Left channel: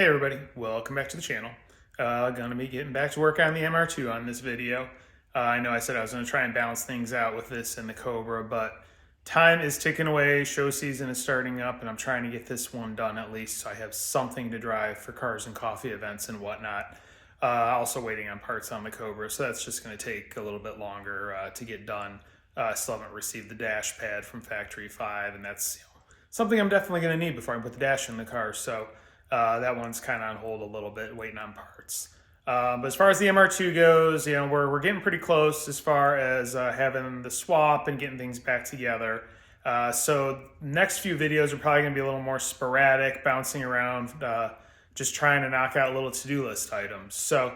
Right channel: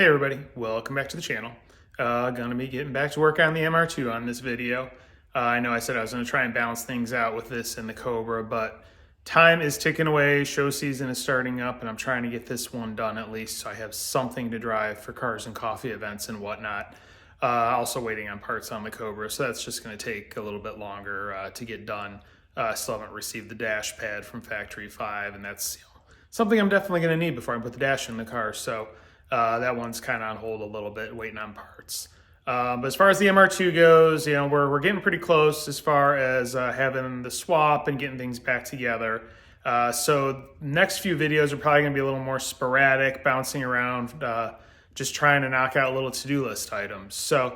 Hey everybody, welcome back to the channel. Gonna be getting back to work on the MR2 on this video. I know I said I was gonna try and balance things out with this and the Cobra, but time is ticking away, show season is starting up, and I'm trying to get this one done at least so I have something to drive for cars and coffee events and whatnot. Also waiting on parts on the Cobra, so that's just gonna take a little bit longer to get done. Still haven't received the dash pad from Factory 5, and that's something I'm definitely gonna need before I put the dash in the car, so that one's kind of on hold a little bit, waiting on parts. But as far as the MR2 goes, we're getting pretty close as far as having the swap and getting things back together. So next few videos are probably going to be a little more sporadic, bouncing around, just trying to knock out little to-do list items. So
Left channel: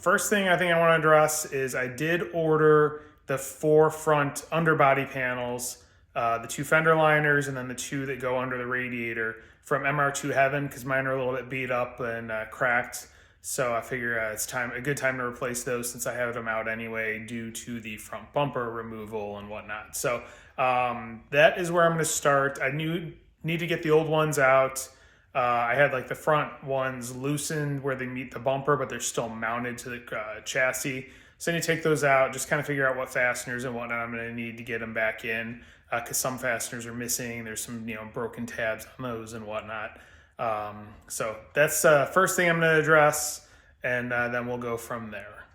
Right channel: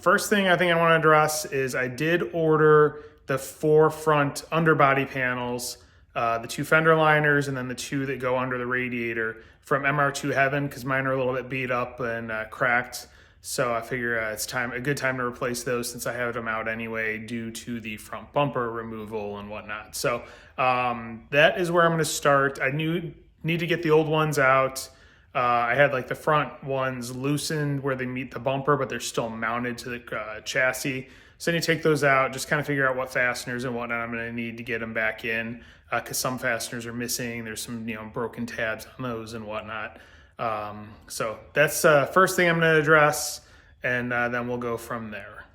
first thing I think I want to address is I did order the 4 front underbody panels, the 2 fender liners, and then the 2 that go under the radiator from MR2 Heaven, because mine are a little bit beat up and cracked. So I figure it's a good time to replace those since I have them out anyway due to the front bumper removal and whatnot. So that is where I'm going to start. I need to get the old ones out. I had like the front ones loosened where they meet the bumper, but they're still mounted to the chassis. So I need to take those out, just kind of figure out what fasteners and whatnot I'm going to need to get them back in, because some fasteners are missing. There's some broken tabs on those and whatnot. So that's first thing I'm going to address, and then we'll go from there.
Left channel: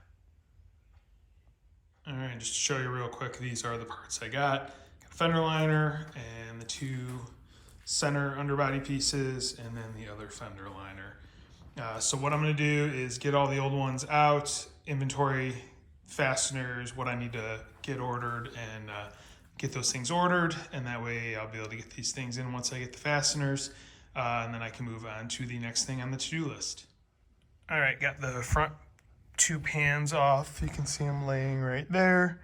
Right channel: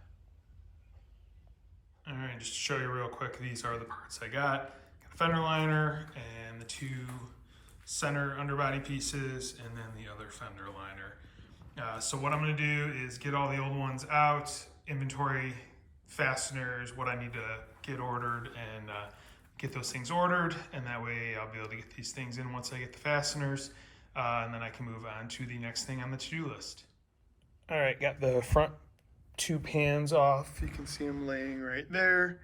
All right, just to show you real quick, these are the parts I got. Got a fender liner and the 2 center underbody pieces, and then the other fender liner. So what I'm going to do is get all the old ones out, inventory fasteners, what I need to get ordered, and get those things ordered, and that way I'll be able to get these things in once I get the fasteners, and then I can move on to the next thing on the to-do list. All right, got the front 2 pans off. You can see them laying right there.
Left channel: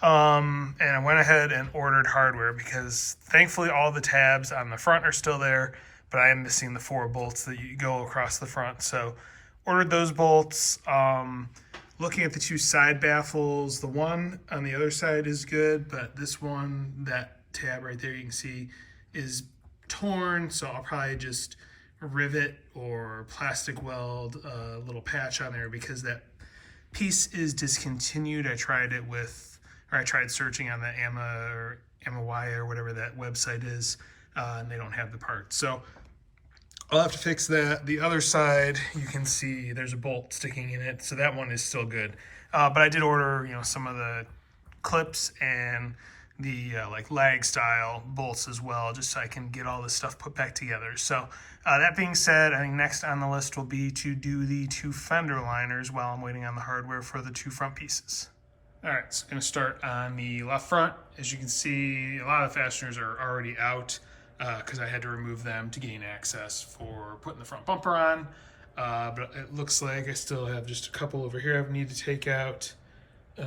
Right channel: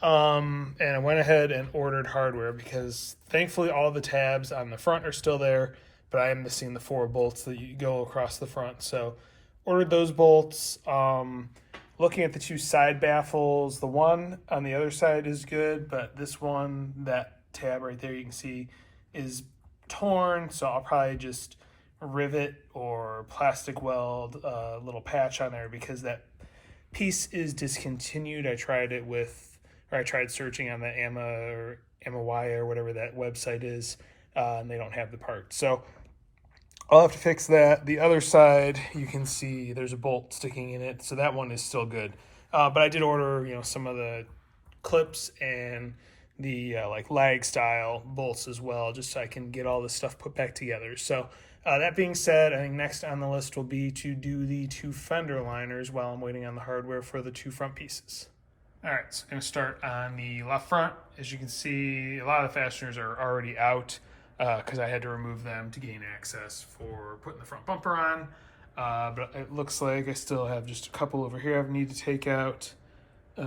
And I went ahead and ordered hardware because thankfully all the tabs on the front are still there, but I am missing the 4 bolts that you go across the front. So ordered those bolts. Looking at the 2 side baffles, the one on the other side is good, but this one, that tab right there you can see is torn, so I'll probably just rivet or plastic weld a little patch on there because that piece is discontinued. I tried searching on the AMA or whatever that website is, and they don't have the part. So I'll have to fix that. The other side, you can see there's a bolt sticking in it, so that one is still good. But I did order, some of the clips and the like lag style bolts as well, just so I can get all this stuff put back together. So that being said, I think next on the list will be to do the 2 fender liners while I'm waiting on the hardware for the 2 front pieces. All right, so I'm going to start on the left front. As you can see, a lot of the fasteners are already out, because I had to remove them to gain access for putting the front bumper on. But it looks like I still have just a couple over here I need to take out,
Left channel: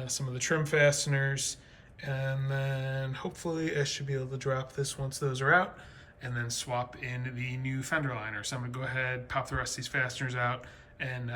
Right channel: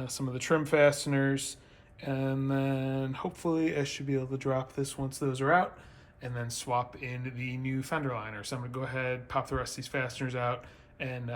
some of the trim fasteners, and then hopefully I should be able to drop this once those are out and then swap in the new fender liner. So I'm gonna go ahead, pop the rest of these fasteners out, and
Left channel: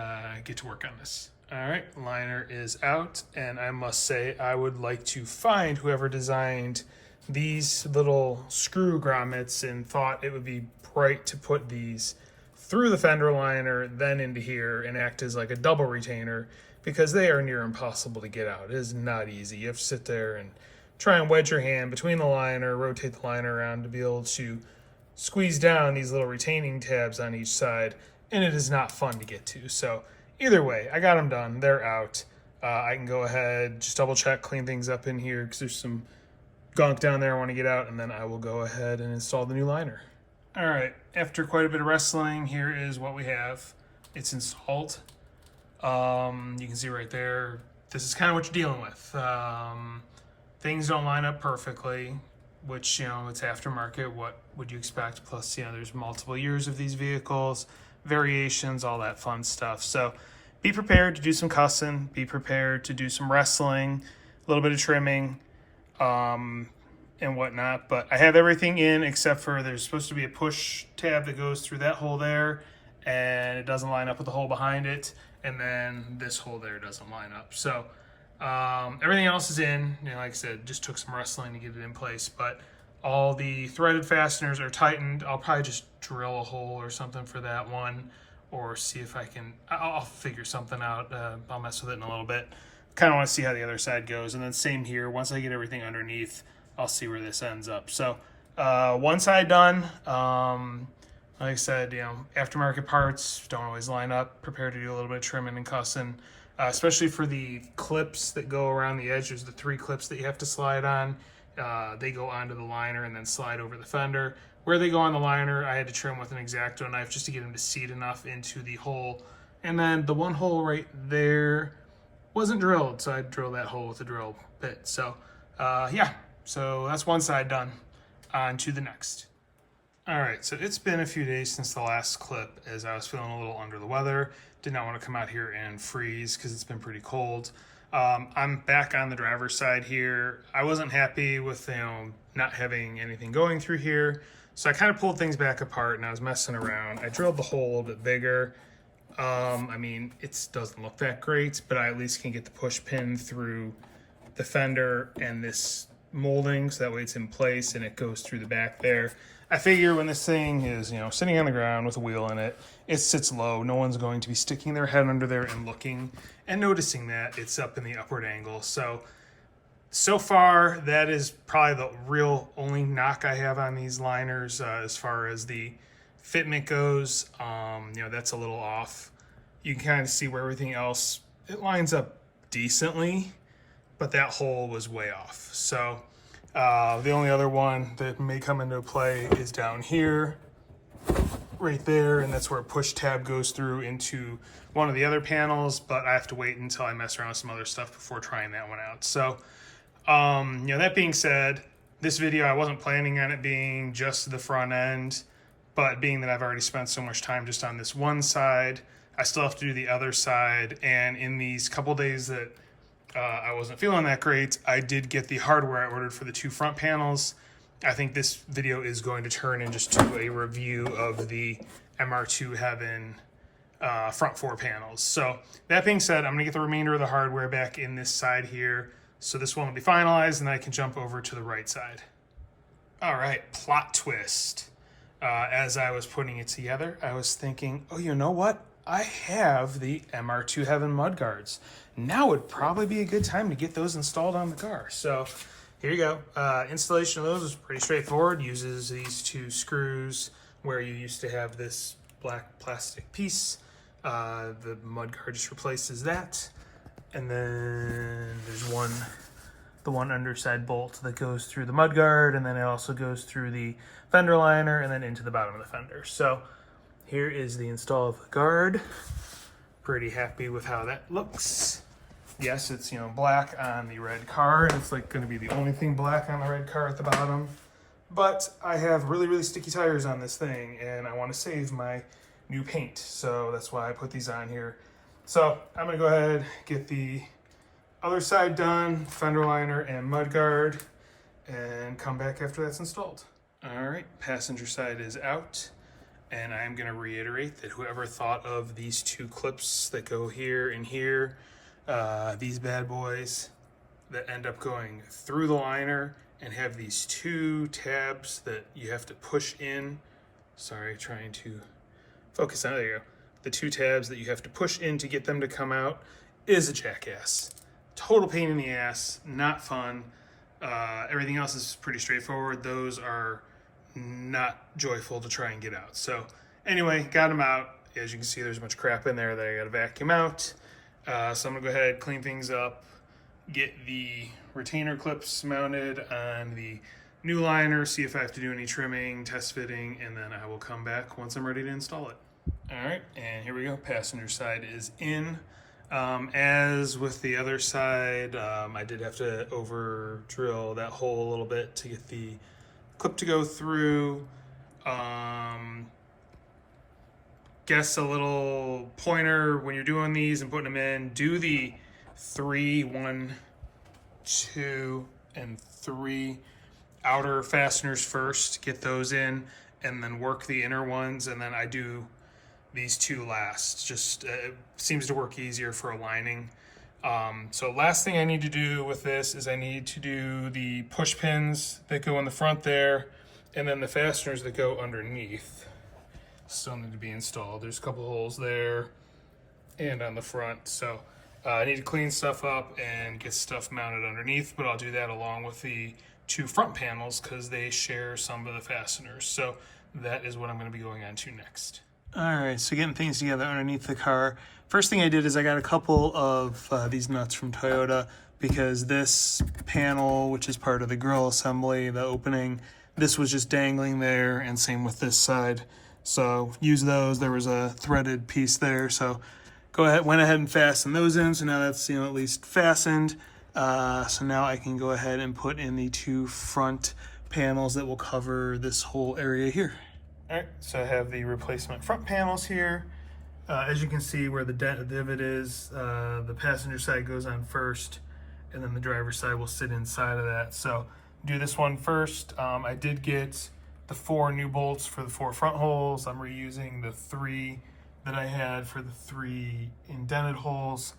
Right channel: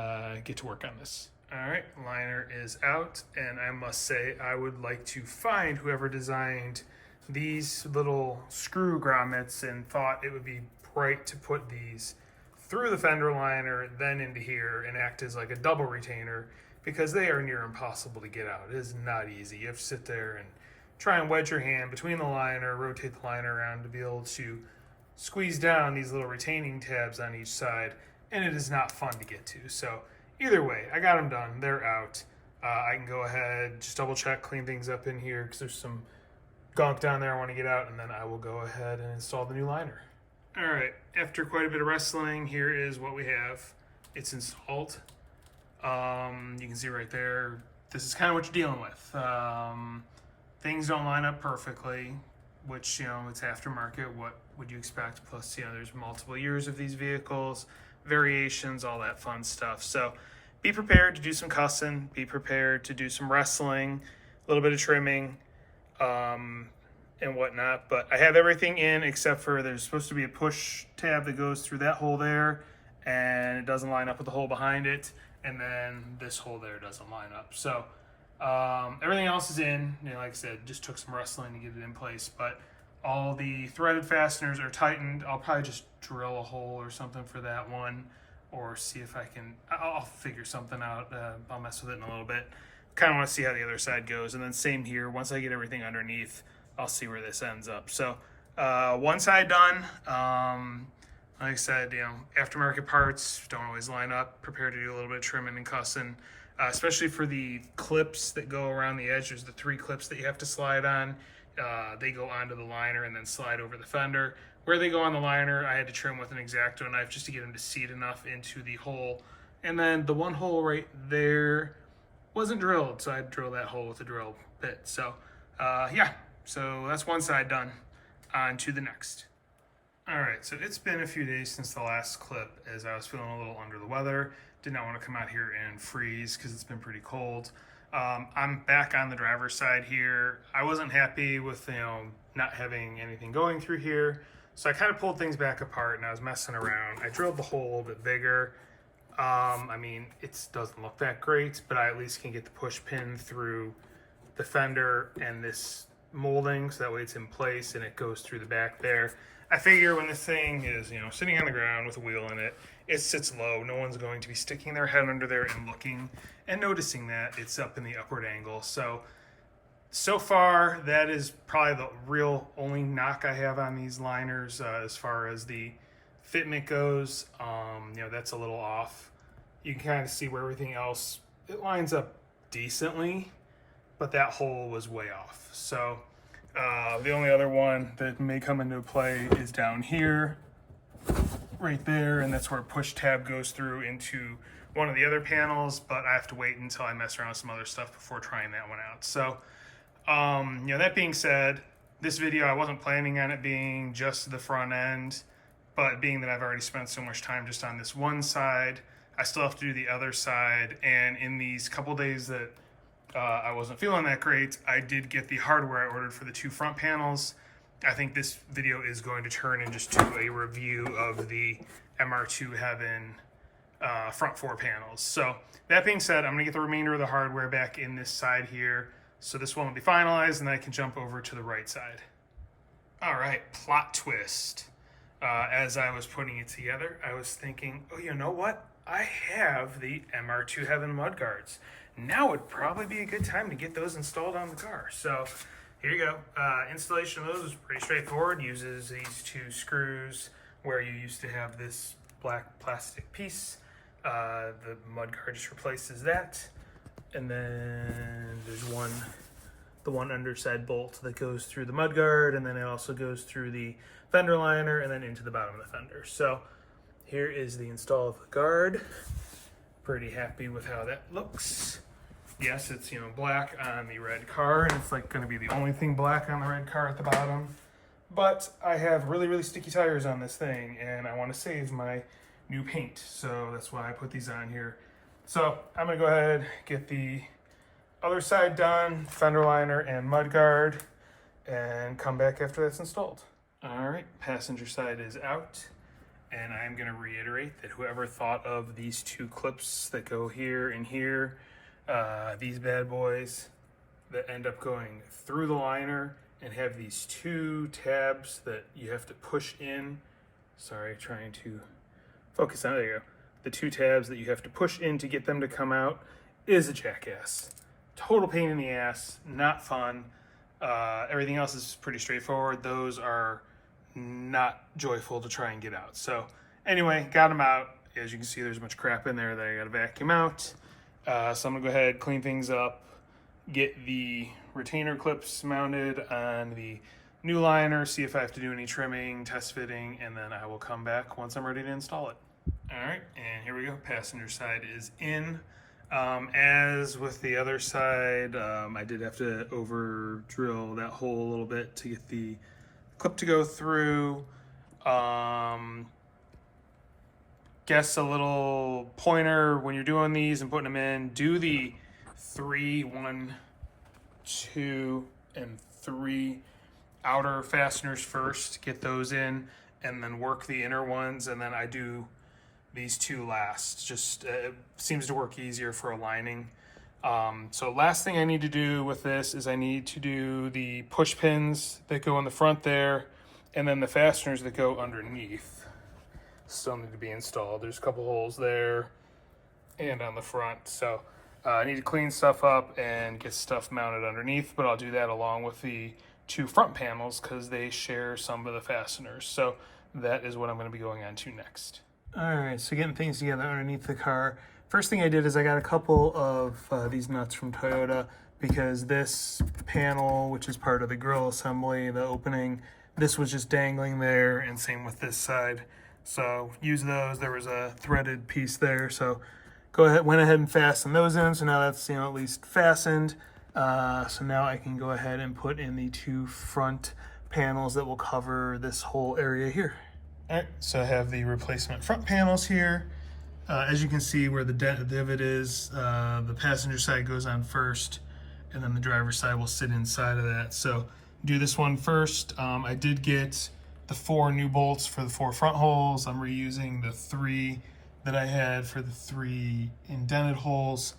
get to work on this. All right, liner is out, and I must say I would like to find whoever designed these little screw grommets and thought it would be bright to put these through the fender liner, then into here, and act as like a double retainer, because they are near impossible to get out. It is not easy. You have to sit there and try and wedge your hand between the liner, rotate the liner around to be able to squeeze down these little retaining tabs on each side, and it is not fun to get to. So either way, I got them done. They're out. I can go ahead, just double check, clean things up in here because there's some gunk down there I want to get out, and then I will go ahead and install the new liner. All right, after quite a bit of wrestling, here is what we have. It's installed. You can see right there, this is kind of what you're dealing with. Things don't line up perfectly, which, it's aftermarket. What would you expect? Plus, there's multiple years of these vehicles, variations, all that fun stuff. So be prepared to do some cussing, be prepared to do some wrestling, a little bit of trimming, and whatnot. But I have everything in except for there's supposed to be a push tab that goes through that hole there, and it doesn't line up with the hole behind it, and then this hole there doesn't line up. So everything else is in. Like I said, just took some wrestling to get it in place, but All the threaded fasteners are tightened. I'll probably just drill a hole or something for that one, or see if I can, I'll figure something out. I'll mess with it in a little bit. Kind of want to see how the other side goes. And then same here, once I get everything underneath, I'll see where this ends up. So one side done. Like I said, aftermarket parts don't always line up. Prepare to do a little bit of trimming and cussing, especially for the clips that go around the edge. There's the 3 clips that you have to slide on. They go onto the liner and then slide over the fender. Where they go on the liner, I had to trim with an X-Acto knife just to get them to seat enough into the hole. And then the one hole right there wasn't drilled, so I drilled that hole with a drill bit. So yeah, so that's one side done. On to the next. All right, so it's been a few days since the last clip, as I was feeling a little under the weather. Did not want to come out here and freeze because it's been pretty cold. I'm back on the driver's side here. I wasn't happy with not having anything going through here, so I kind of pulled things back apart and I was messing around. I drilled the hole a little bit bigger. I mean, it doesn't look that great, but I at least can get the push pin through the fender and this molding, so that way it's in place and it goes through the back there. I figure when this thing is, sitting on the ground with a wheel in it, it sits low. No one's going to be sticking their head under there and looking and noticing that it's up in the upward angle. So far, that is probably the real only knock I have on these liners as far as the fitment goes. That's a little off. You can kind of see where everything else, it lines up decently, but that hole was way off. So the only other one that may come into play is down here, right there, and that's where push tab goes through into one of the other panels, but I have to wait until I mess around with some other stuff before trying that one out. So, that being said, this video, I wasn't planning on it being just the front end, but being that I've already spent so much time just on this one side, I still have to do the other side, and in these couple days that I wasn't feeling that great, I did get the hardware I ordered for the 2 front panels. I think this video is going to turn into just a review of the MR2 Heaven front 4 panels. So that being said, I'm gonna get the remainder of the hardware back in this side here. So this one will be finalized and then I can jump over to the right side. All right, plot twist. As I was putting it together, I was thinking, oh, you know what? I have the MR2 Heaven mudguards. Now would probably be a good time to get those installed on the car. So here you go. Installation of those is pretty straightforward. Uses these 2 screws where you used to have this black plastic piece. The mudguard just replaces that. And then there's the one underside bolt that goes through the mudguard, and then it also goes through the fender liner and then into the bottom of the fender. So here is the install of the guard. Pretty happy with how that looks. Yes, it's black on the red car, and it's like going to be the only thing black on the red car at the bottom. But I have really, really sticky tires on this thing, and I want to save my new paint, so that's why I put these on here. So I'm going to go ahead, get the other side done, fender liner and mudguard, and come back after that's installed. All right, passenger side is out. And I'm gonna reiterate that whoever thought of these 2 clips that go here and here, these bad boys that end up going through the liner and have these 2 tabs that you have to push in. Sorry, trying to focus on, there you go. The 2 tabs that you have to push in to get them to come out is a jackass. Total pain in the ass, not fun. Everything else is pretty straightforward. Those are not joyful to try and get out. So anyway, got them out. As you can see, there's a bunch of crap in there that I got to vacuum out. So I'm gonna go ahead, clean things up, get the retainer clips mounted on the new liner, see if I have to do any trimming, test fitting, and then I will come back once I'm ready to install it. All right, and here we go. Passenger side is in. As with the other side, I did have to over drill that hole a little bit to get the clip to go through. Guess a little pointer when you're doing these and putting them in, do the 3, 1, 2, and 3 outer fasteners first, get those in, and then work the inner ones, and then I do these 2 last. Just it seems to work easier for aligning. So last thing I need to do with this is I need to do the push pins that go in the front there, and then the fasteners that go underneath still need to be installed. There's a couple holes there and on the front. So I need to clean stuff up and get stuff mounted underneath, but I'll do that along with the two front panels because they share some of the fasteners. So that is what I'm going to be going on to next. All right, so getting things together underneath the car. First thing I did is I got a couple of these nuts from Toyota because this panel, which is part of the grill assembly, the opening, this was just dangling there, and same with this side. So use those. There was a threaded piece there, so went ahead and fastened those in. So now that's at least fastened. So now I can go ahead and put in the two front panels that will cover this whole area here. All right, so I have the replacement front panels here. As you can see where the divot is, the passenger side goes on first, and then the driver's side will sit inside of that. So do this one first. I did get the 4 new bolts for the 4 front holes. I'm reusing the 3 that I had for the 3 indented holes.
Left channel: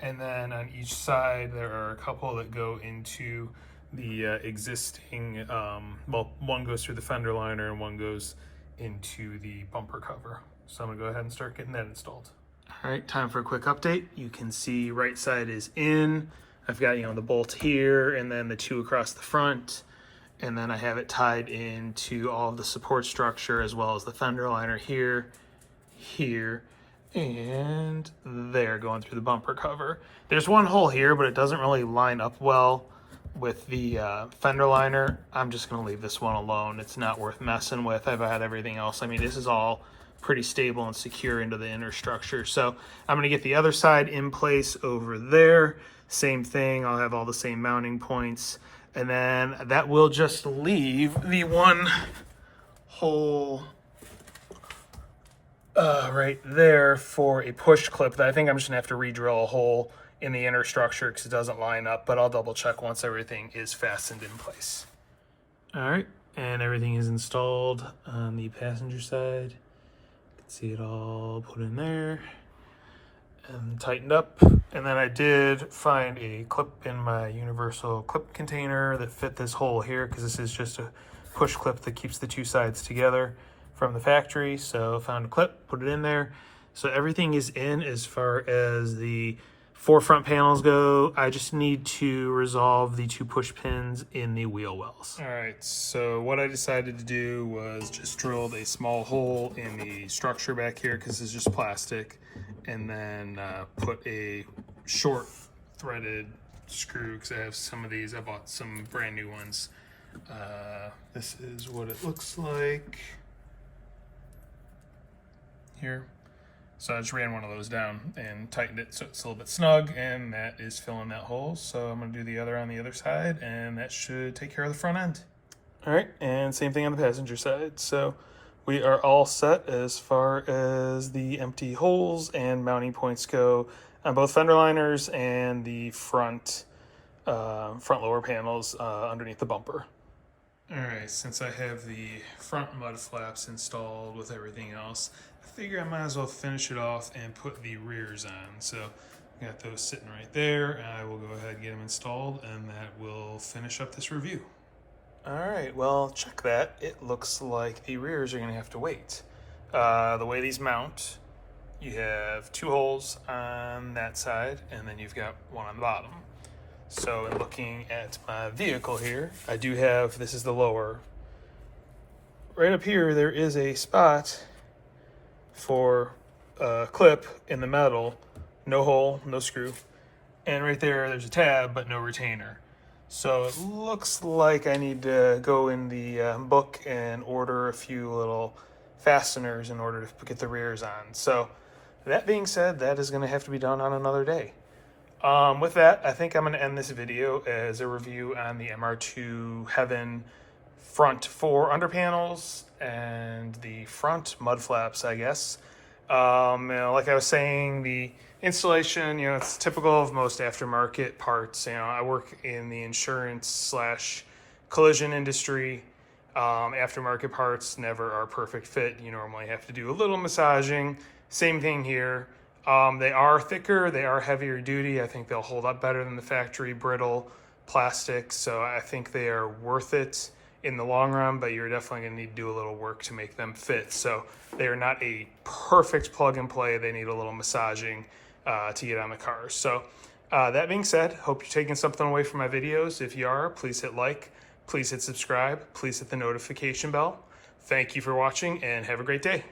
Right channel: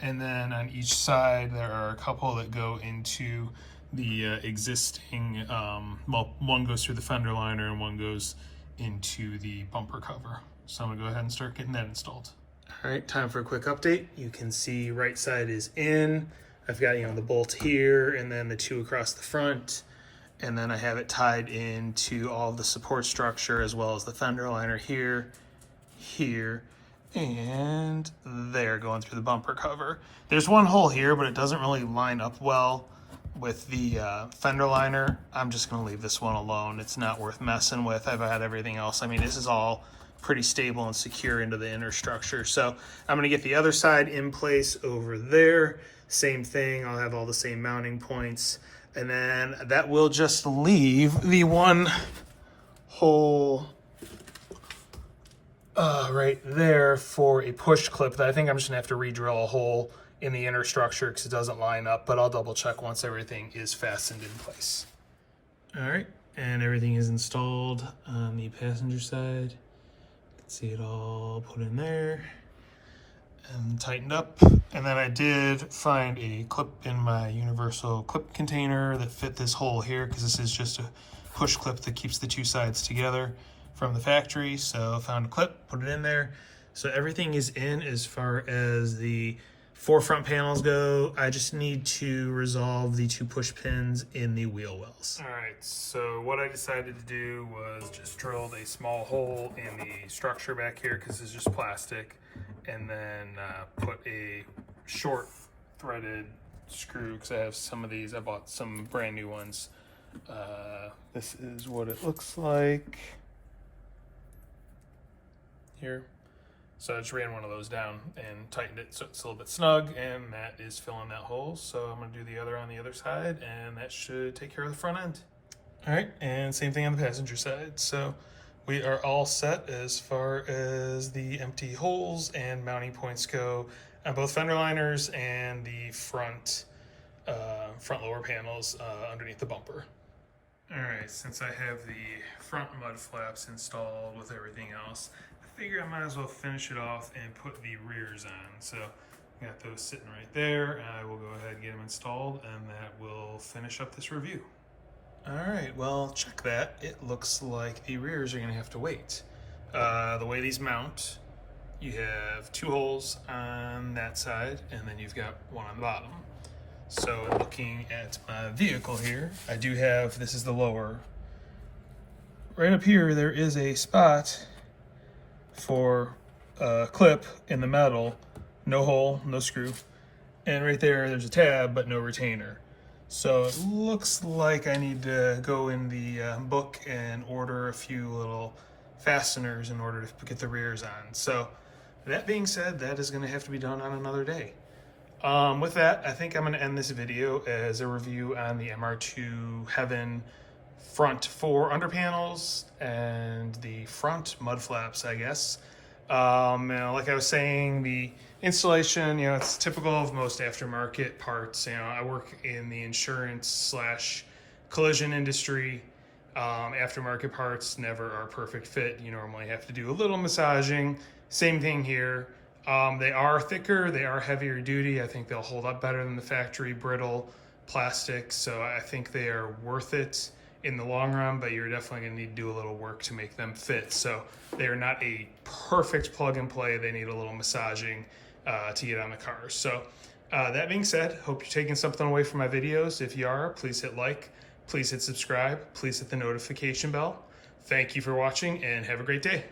And then on each side, there are a couple that go into the existing, well, one goes through the fender liner and one goes into the bumper cover. So I'm gonna go ahead and start getting that installed. All right, time for a quick update. You can see right side is in. I've got, the bolt here and then the 2 across the front. And then I have it tied into all of the support structure as well as the fender liner here, and there going through the bumper cover. There's one hole here, but it doesn't really line up well with the fender liner. I'm just gonna leave this one alone. It's not worth messing with. I've had everything else. I mean, this is all pretty stable and secure into the inner structure. So I'm gonna get the other side in place over there. Same thing, I'll have all the same mounting points. And then that will just leave the one hole right there for a push clip that I think I'm just gonna have to re-drill a hole in the inner structure because it doesn't line up, but I'll double check once everything is fastened in place. All right, and everything is installed on the passenger side. You can see it all put in there and tightened up. And then I did find a clip in my universal clip container that fit this hole here because this is just a push clip that keeps the 2 sides together from the factory. So I found a clip, put it in there. So everything is in as far as the 4 front panels go. I just need to resolve the 2 push pins in the wheel wells. All right, so what I decided to do was just drilled a small hole in the structure back here because it's just plastic, and then put a short threaded screw because I have some of these. I bought some brand new ones. This is what it looks like here. So I just ran one of those down and tightened it so it's a little bit snug, and that is filling that hole. So I'm gonna do the other on the other side, and that should take care of the front end. All right, and same thing on the passenger side. So we are all set as far as the empty holes and mounting points go on both fender liners and the front lower panels underneath the bumper. All right, since I have the front mud flaps installed with everything else, I figure I might as well finish it off and put the rears on. So I got those sitting right there, and I will go ahead and get them installed, and that will finish up this review. All right, well, check that. It looks like the rears are gonna have to wait. The way these mount, you have 2 holes on that side, and then you've got one on the bottom. So in looking at my vehicle here, I do have, this is the lower. Right up here, there is a spot for a clip in the metal, no hole, no screw. And right there, there's a tab, but no retainer. So it looks like I need to go in the book and order a few little fasteners in order to get the rears on. So that being said, that is gonna have to be done on another day. With that, I think I'm gonna end this video as a review on the MR2 Heaven front 4 under panels and the front mud flaps, I guess. Like I was saying, the installation, it's typical of most aftermarket parts. I work in the insurance / collision industry. Aftermarket parts never are perfect fit. You normally have to do a little massaging. Same thing here. They are thicker, they are heavier duty. I think they'll hold up better than the factory brittle plastic, so I think they are worth it in the long run, but you're definitely gonna need to do a little work to make them fit. So they are not a perfect plug and play. They need a little massaging to get on the cars. So that being said, hope you're taking something away from my videos. If you are, please hit like, please hit subscribe, please hit the notification bell. Thank you for watching and have a great day.